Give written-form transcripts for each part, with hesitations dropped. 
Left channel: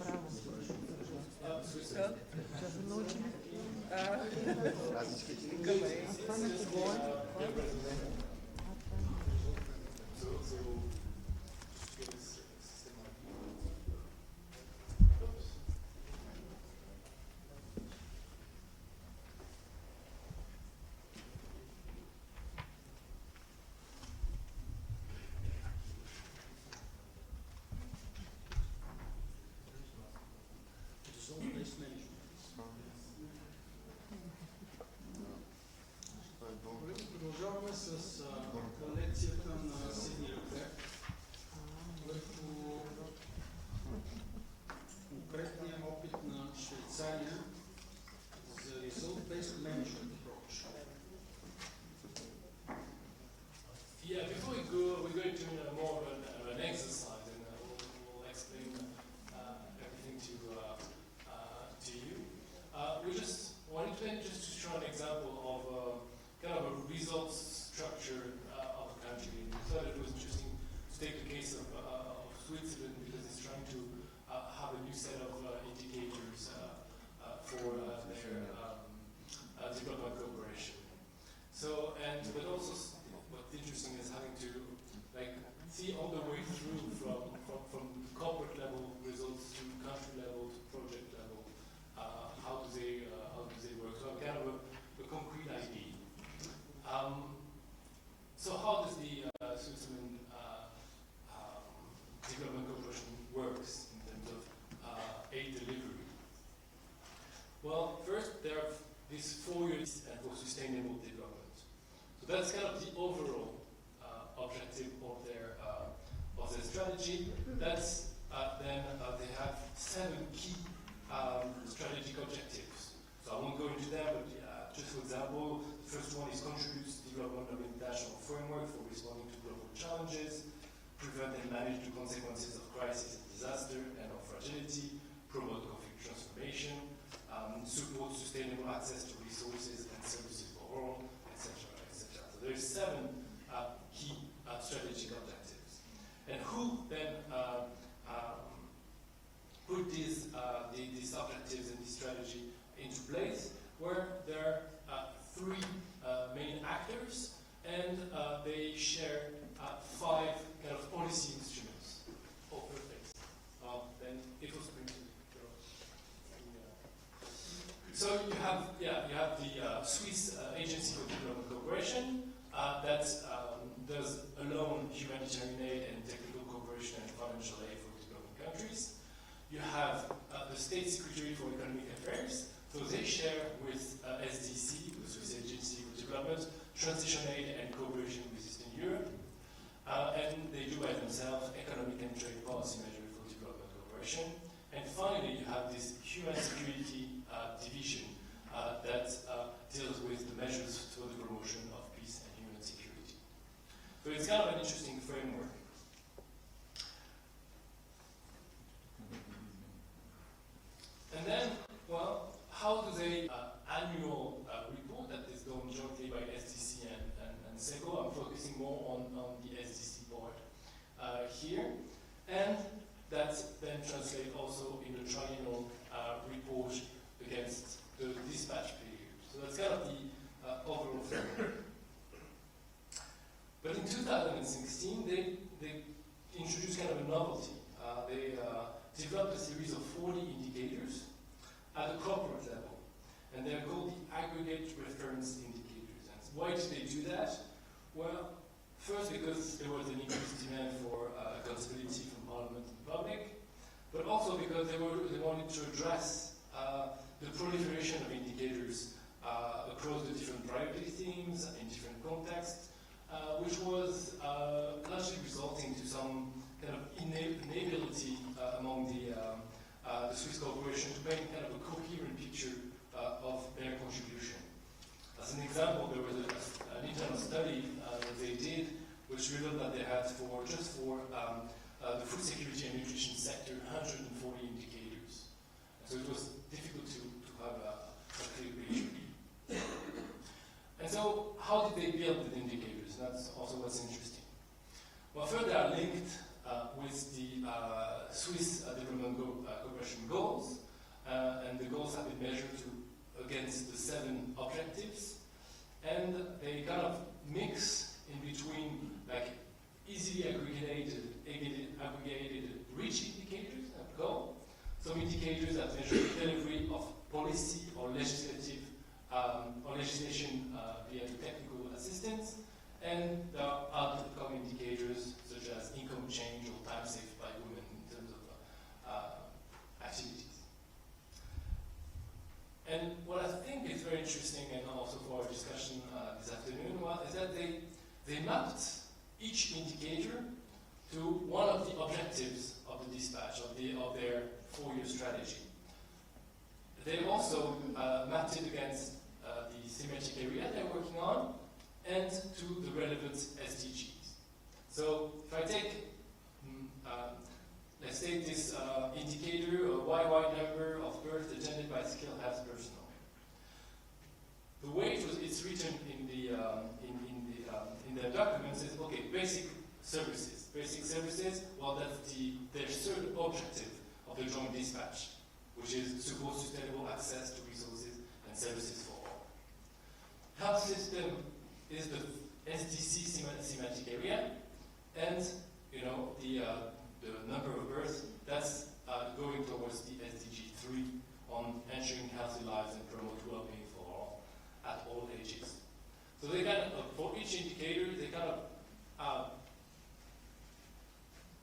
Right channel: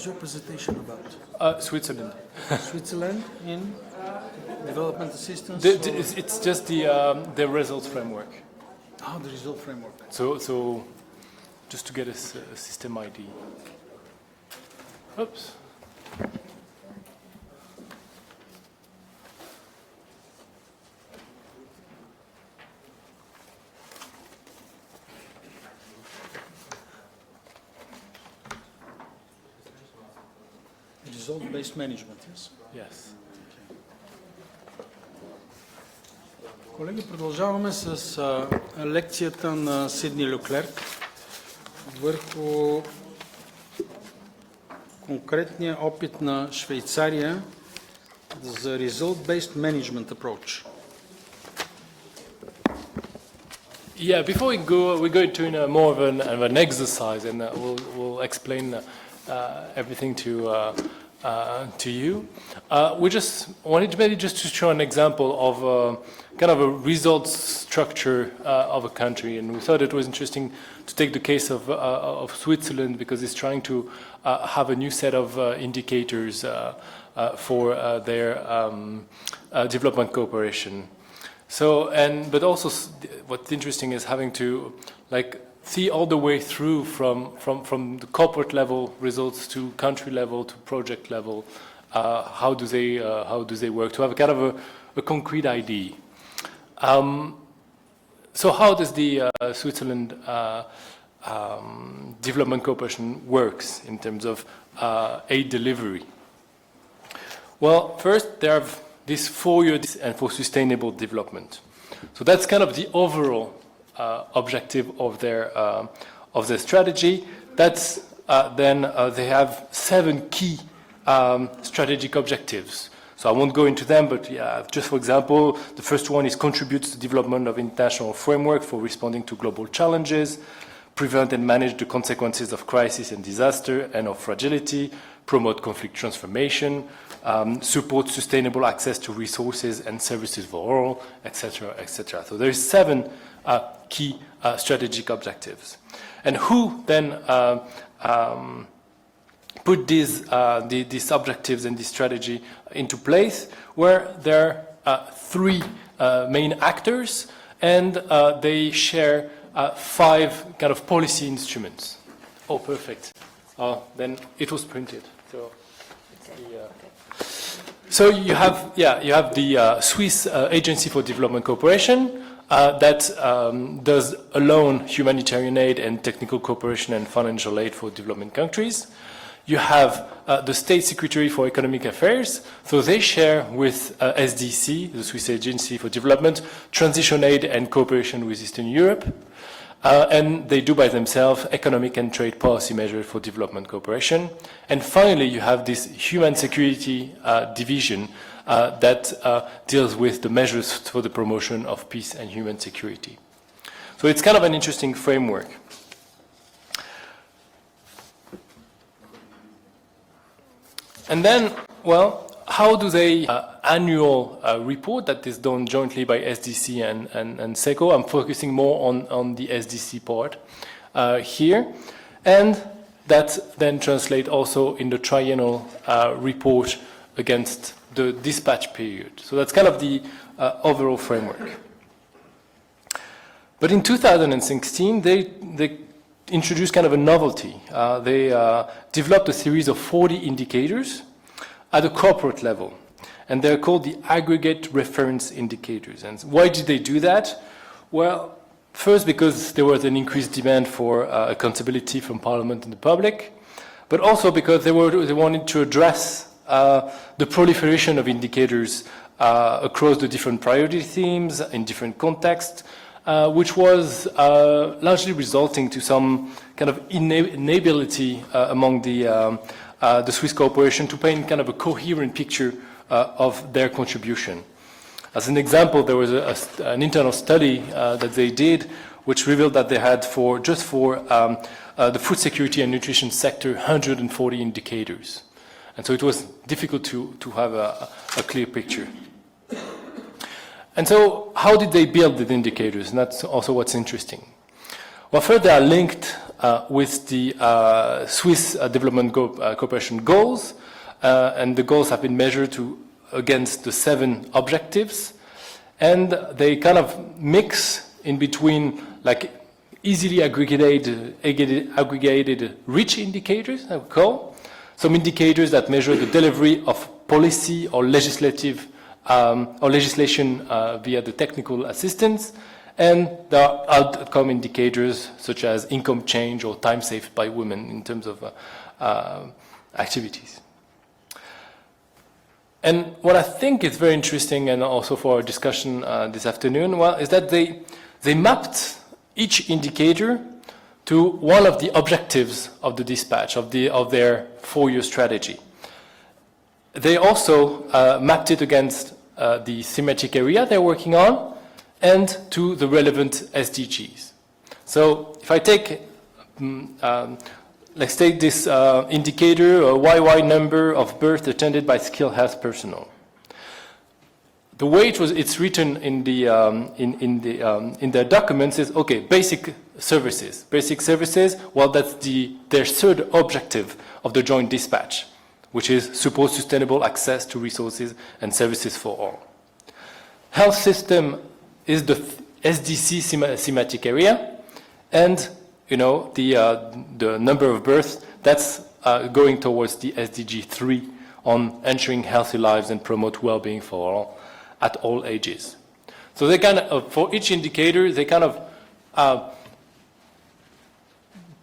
is your presentation about? Switzerland. Switzerland in development assistance? It's just the results framework. Oh, the result framework. So just to get a system ID. Oops. Result-based management, yes? Yes. Колеги, продължаваме с лекцията на Сидни Люклерк върху конкретния опит на Швейцария за result-based management approach. Yeah, before we go into more of an exercise, and we'll explain everything to you. We just wanted maybe just to show an example of kind of a results structure of a country, and we thought it was interesting to take the case of Switzerland because it's trying to have a new set of indicators for their development cooperation. So, but also what's interesting is having to see all the way through from the corporate level results to country level to project level. How do they work to have a kind of a concrete idea? So how does the Switzerland development cooperation works in terms of aid delivery? Well, first they have this 4-year and for sustainable development. So that's kind of the overall objective of their strategy. That's then they have 7 key strategic objectives. So I won't go into them, but yeah, just for example, the first one is contribute to the development of international framework for responding to global challenges, prevent and manage the consequences of crisis and disaster and of fragility, promote conflict transformation, support sustainable access to resources and services for all, etc., etc. So there is 7 key strategic objectives. And who then put these objectives and this strategy into place? Where there are 3 main actors, and they share 5 kind of policy instruments. Oh, perfect. Then it was printed. So you have the Swiss Agency for Development Cooperation that does alone humanitarian aid and technical cooperation and financial aid for development countries. You have the State Secretary for Economic Affairs, so they share with SDC, the Swiss Agency for Development, transition aid and cooperation with Eastern Europe. And they do by themselves economic and trade policy measures for development cooperation. And finally, you have this human security division that deals with the measures for the promotion of peace and human security. So it's kind of an interesting framework. And then, well, how do they annual report that is done jointly by SDC and SECO? I'm focusing more on the SDC part here. And that then translates also in the triennial report against the dispatch period. So that's kind of the overall framework. But in 2016, they introduced kind of a novelty. They developed a series of 40 indicators at a corporate level, and they're called the aggregate reference indicators. And why did they do that? Well, first because there was an increased demand for accountability from Parliament and the public, but also because they wanted to address the proliferation of indicators across the different priority themes in different contexts, which was largely resulting to some kind of inability among the Swiss corporation to paint kind of a coherent picture of their contribution. As an example, there was an internal study that they did which revealed that they had just for the food security and nutrition sector 140 indicators. And so it was difficult to have a clear picture. And so how did they build the indicators? And that's also what's interesting. Well, first they are linked with the Swiss Development Cooperation goals, and the goals have been measured against the 7 objectives, and they kind of mix in between like easily aggregated rich indicators, I would call, some indicators that measure the delivery of policy or legislation via the technical assistance, and there are outcome indicators such as income change or time saved by women in terms of activities. And what I think is very interesting, and also for our discussion this afternoon, well, is that they mapped each indicator to one of the objectives of the dispatch, of their 4-year strategy. They also mapped it against the thematic area they're working on and to the relevant SDGs. So if I take, let's take this indicator, a YY number of births attended by skilled health personnel. The way it's written in their documents is, okay, basic services. Basic services, well, that's their 3rd objective of the joint dispatch, which is support sustainable access to resources and services for all. Health system is the SDC thematic area, and the number of births, that's going towards the SDG 3 on ensuring healthy lives and promote well-being for all at all ages. So they kind of, for each indicator, they kind of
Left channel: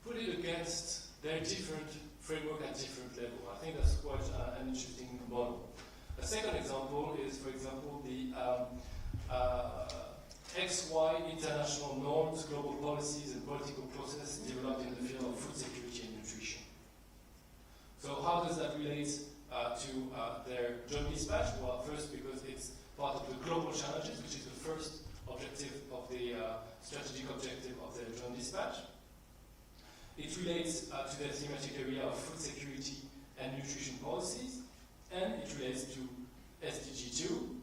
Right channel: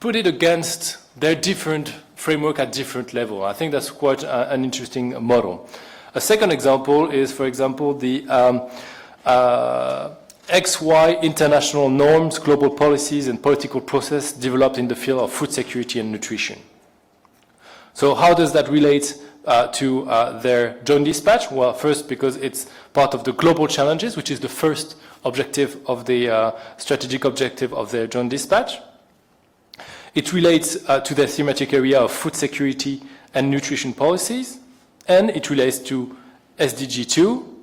put it against their different framework at different level. I think that's quite an interesting model. A second example is, for example, the XY international norms, global policies, and political process developed in the field of food security and nutrition. So how does that relate to their joint dispatch? Well, first, because it's part of the global challenges, which is the first objective of the strategic objective of their joint dispatch. It relates to their thematic area of food security and nutrition policies, and it relates to SDG 2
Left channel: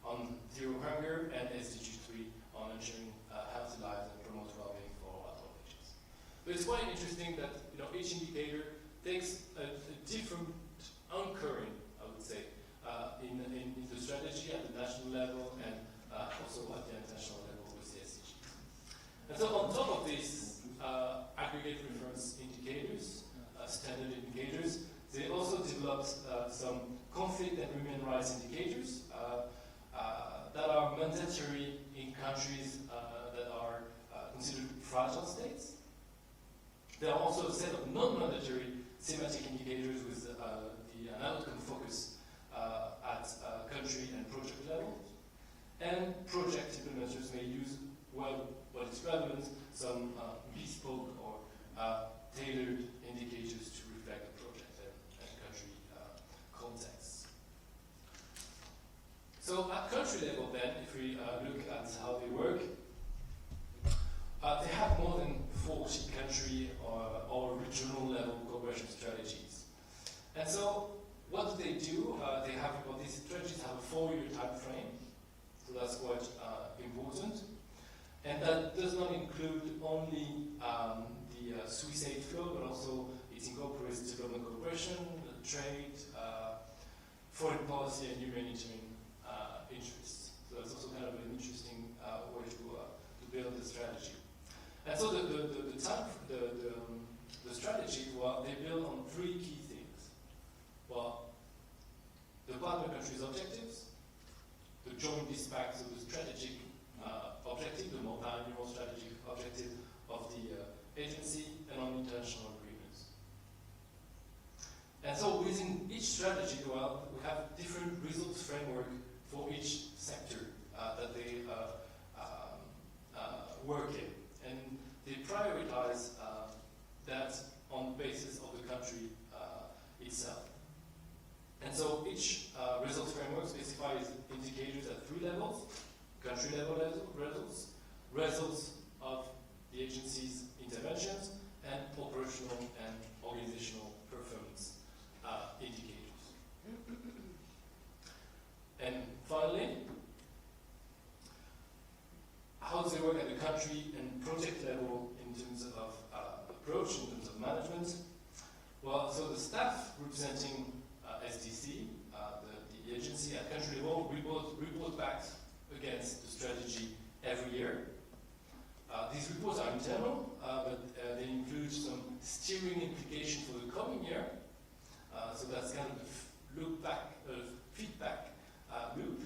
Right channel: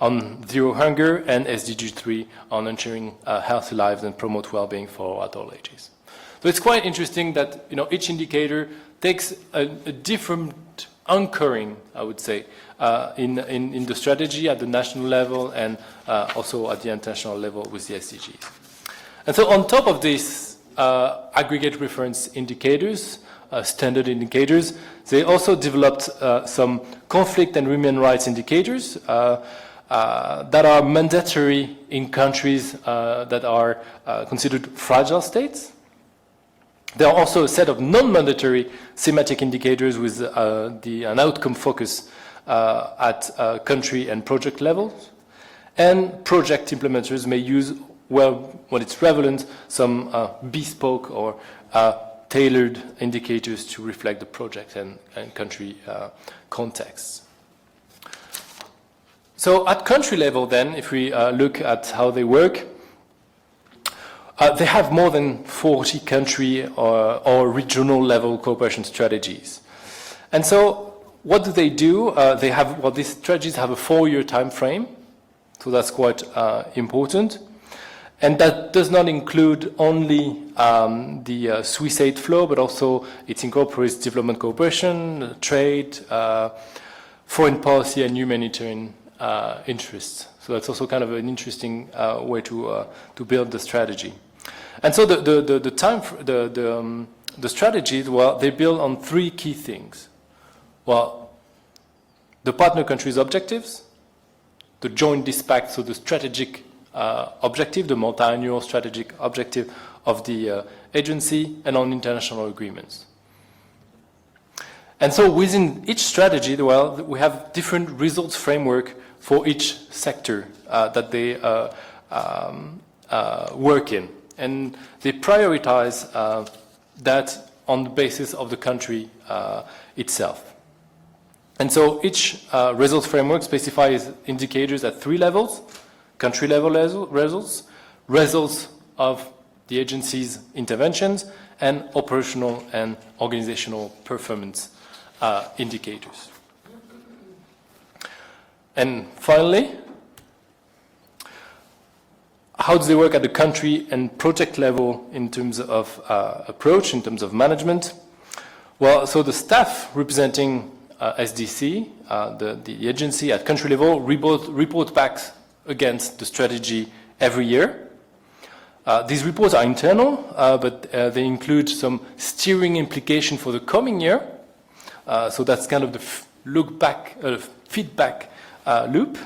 on zero hunger and SDG 3 on ensuring healthy lives and promote well-being for all at all ages. So it's quite interesting that each indicator takes a different anchoring, I would say, in the strategy at the national level and also at the international level with the SDGs. And so on top of this aggregate reference indicators, standard indicators, they also developed some conflict and human rights indicators that are mandatory in countries that are considered fragile states. There are also a set of non-mandatory thematic indicators with an outcome focus at country and project levels. And project implementers may use, well, when it's relevant, some bespoke or tailored indicators to reflect the project and country contexts. So at country level then, if we look at how they work, they have more than 40 country or regional level cooperation strategies. And so what do? These strategies have a 4-year time frame, so that's quite important. And that does not include only the Swiss aid flow, but also it incorporates development cooperation, trade, foreign policy, and humanitarian interests. So that's also kind of an interesting way to build the strategy. And so the strategies, well, they build on 3 key things. Well, the partner countries' objectives, the joint dispatch, so the strategic objective, the multi-annual strategic objective of the agency, and on international agreements. And so within each strategy, well, we have different results framework for each sector that they work in. And they prioritize that on the basis of the country itself. And so each results framework specifies indicators at 3 levels: country level results, results of the agency's interventions, and operational and organizational performance indicators. And finally, how do they work at the country and project level in terms of approach, in terms of management? Well, so the staff representing SDC, the agency at country level, report back against the strategy every year. These reports are internal, but they include some steering implication for the coming year. So that's kind of the look back, feedback loop.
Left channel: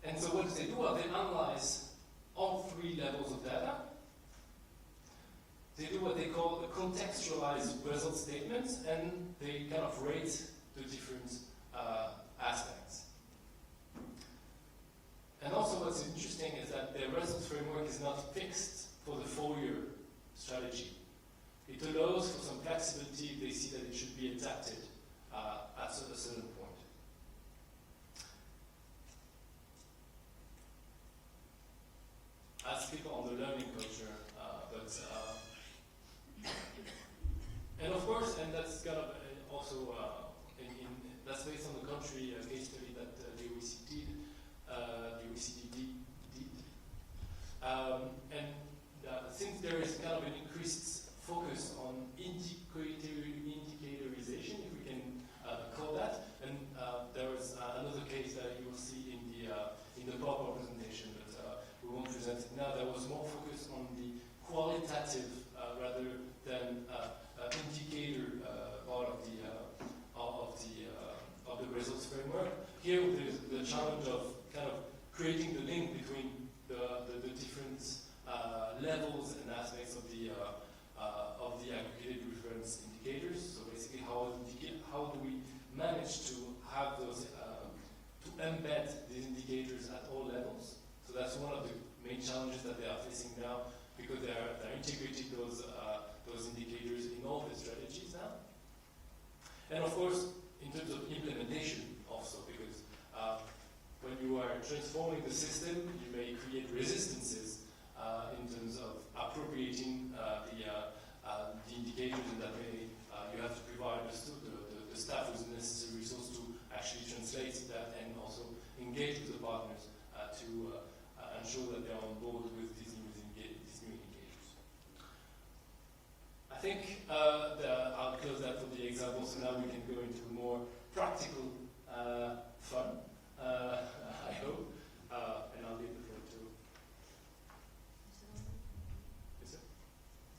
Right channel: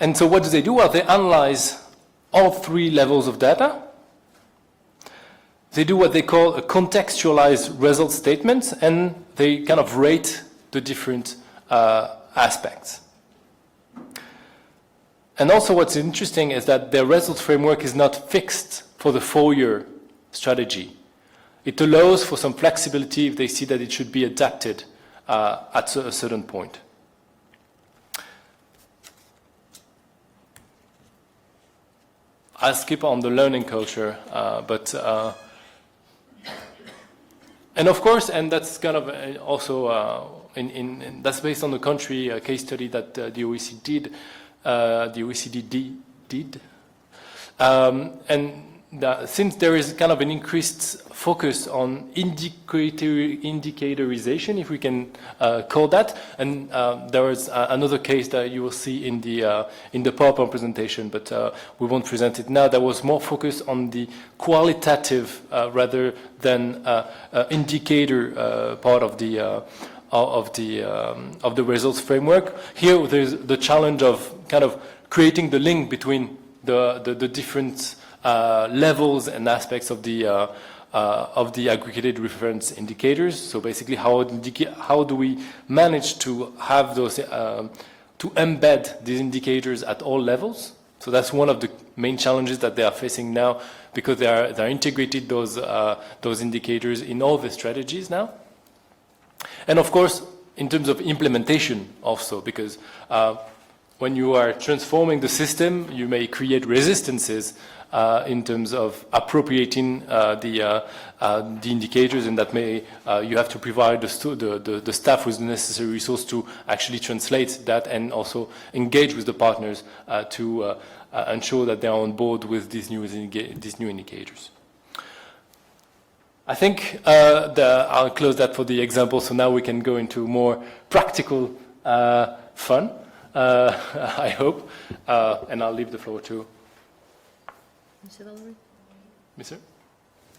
And so what do they do? Well, they analyze all three levels of data. They do what they call a contextualized result statement, and they kind of rate the different aspects. And also what's interesting is that their result framework is not fixed for the 4-year strategy. It allows for some flexibility if they see that it should be adapted at a certain point. I'll skip on the learning culture, and of course, and that's kind of also that's based on the country case study that the OECD did. And since there is kind of an increased focus on indicatorization, if we can call that, and there is another case that you will see in the PowerPoint presentation, but we won't present it now. That was more focused on the qualitative rather than indicator part of the results framework. Here, there's the challenge of kind of creating the link between the different levels and aspects of the aggregated reference indicators. So basically, how do we manage to have those to embed these indicators at all levels? So that's one of the main challenges that they are facing now, because they're integrated those indicators in all the strategies now. And of course, in terms of implementation also, because when you are transforming the system, you may create resistances in terms of appropriating the indicators, and that may you have to provide the staff with the necessary resource to actually translate that and also engage with the partners to ensure that they are on board with these new indicators. I think I'll close that for the example, so now we can go into more practical fun, I hope, and I'll leave the floor to Mr.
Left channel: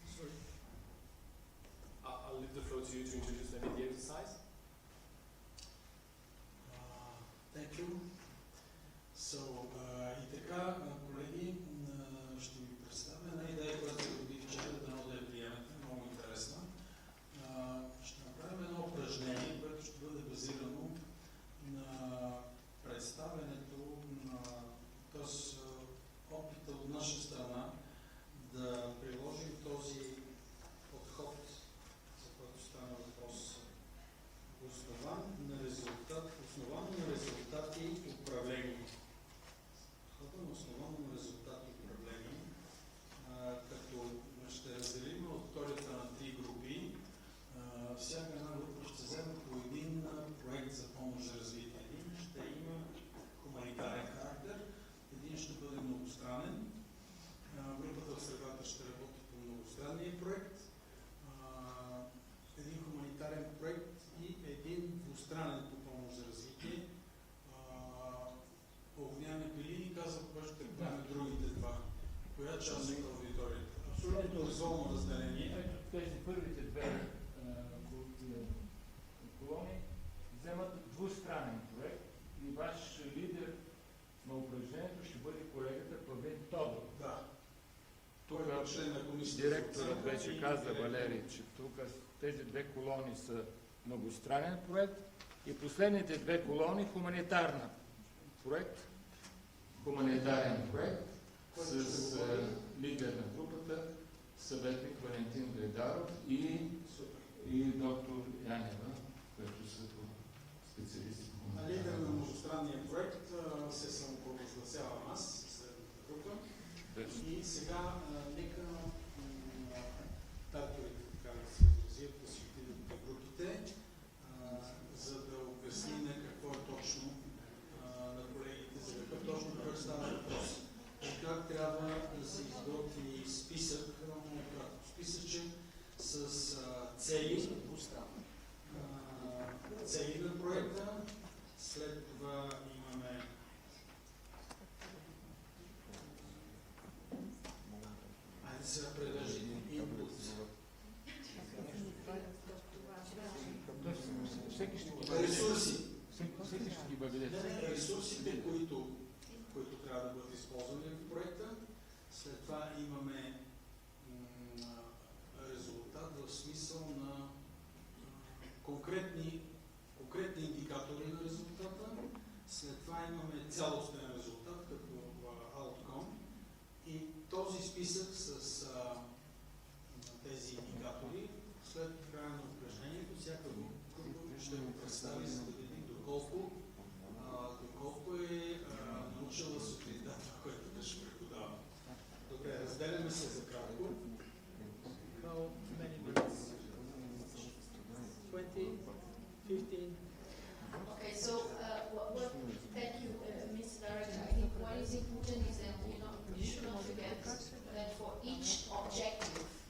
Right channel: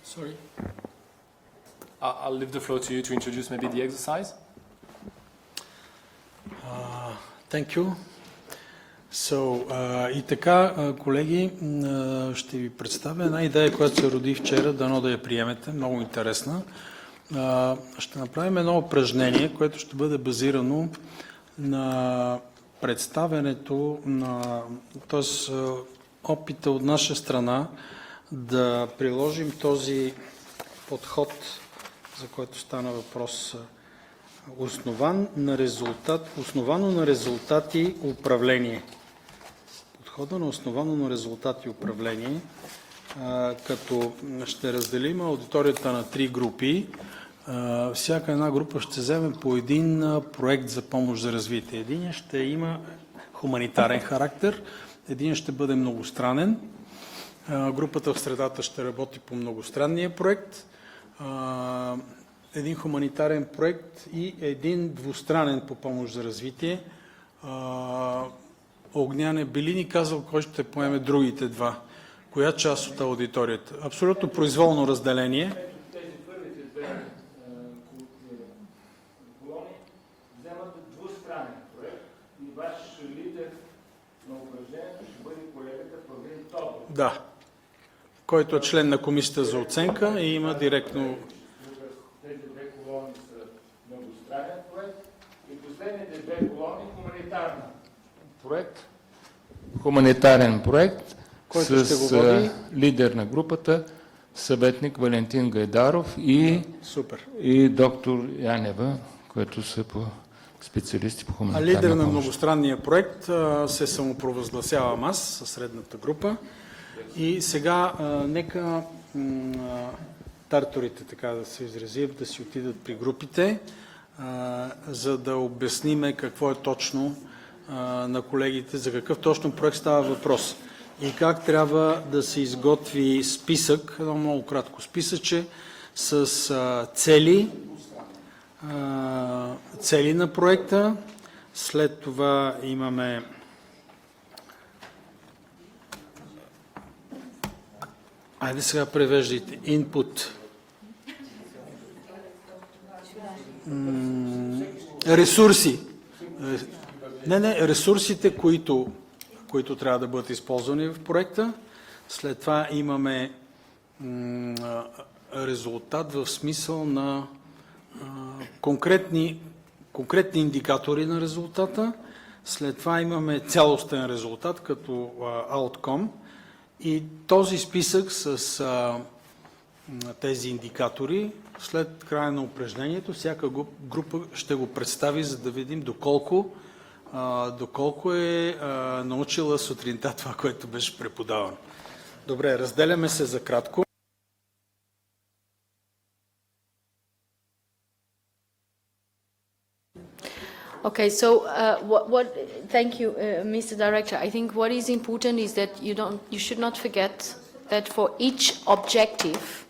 Sorry. I'll leave the floor to you to introduce maybe the exercise. Thank you. И така, колеги, ще ви представя една идея, която се роди вчера, дано да я приемете, много интересна. Ще направим едно упражнение, което ще бъде базирано на представянето т.е. опита от наша страна да приложим този подход, за който стана въпрос, основано на резултати управление. Подхода на основано на резултати управление, като ще разделим аудиторията на 3 групи. Всяка една група ще вземе по един проект за помощ за развитие. Един ще има хуманитарен характер, един ще бъде многостранен. Групата в средата ще работи по многостранния проект, един хуманитарен проект и един двустранен по помощ за развитие. Огнян е били ни казал кой ще поеме другите два. Коя част от аудиторията? Абсолютно произволно разделение. Тези първите две колони вземат двустранен проект и ваш лидер на упражнението ще бъде колегата Павлин Тодоров. Да, който е член на комисията за оценка и има директно... Тези две колони са многостранен проект и последните две колони хуманитарен проект, който с лидер на групата, съветник Валентин Гайдаров и доктор Янева, които са специалисти по хуманитарна помощ. А лидер на многостранния проект се самопровъзгласявам аз със средната група. И сега нека тарторите, така да се изразят, да си отидат при групите, за да обясниме какво е точно на колегите, за какъв точно проект става въпрос. и как трябва да се изготви списък, едно много кратко списъче, с цели на проекта. След това имаме айде сега превеждайте. Input. Ресурси. Ресурсите, които трябва да бъдат използвани в проекта. След това имаме резултат в смисъл на конкретни индикатори на резултата. След това имаме цялостен резултат като outcome. И този списък с тези индикатори, след края на упражнението, всяка група ще го представи, за да видим доколко е научила сутринта това, което беше преподавано. Добре, разделяме се за кратко. Okay, so thank you, Mr. Director. I think what is important is that you should not forget that for each objective,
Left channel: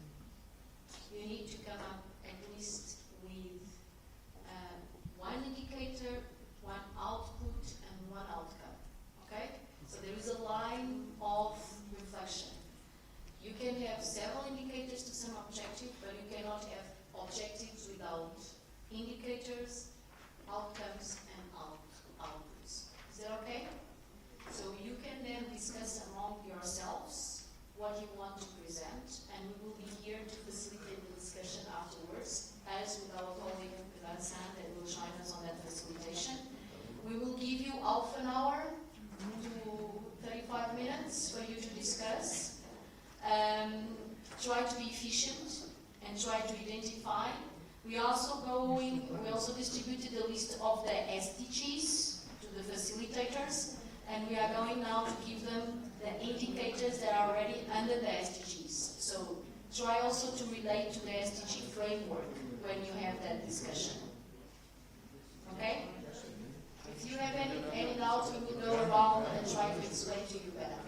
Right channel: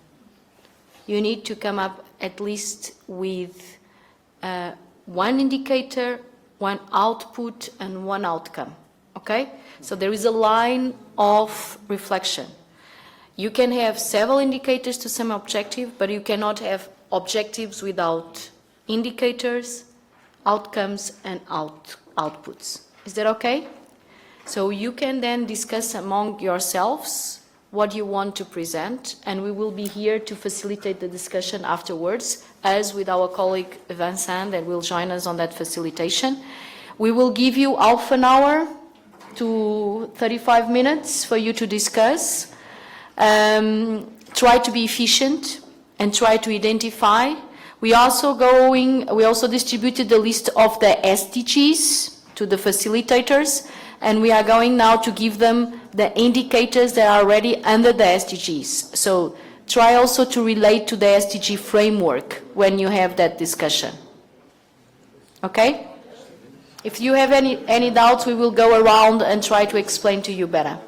you need to come up at least with one indicator, one output, and one outcome. Okay? So there is a line of reflection. You can have several indicators to some objective, but you cannot have objectives without indicators, outcomes, and outputs. Is that okay? So you can then discuss among yourselves what you want to present, and we will be here to facilitate the discussion afterwards, as with our colleague Vincent that will join us on that facilitation. We will give you half an hour to 35 minutes for you to discuss. Try to be efficient and try to identify. We also distributed the list of the SDGs to the facilitators, and we are going now to give them the indicators that are already under the SDGs. So try also to relate to the SDG framework when you have that discussion. Okay? If you have any doubts, we will go around and try to explain to you better.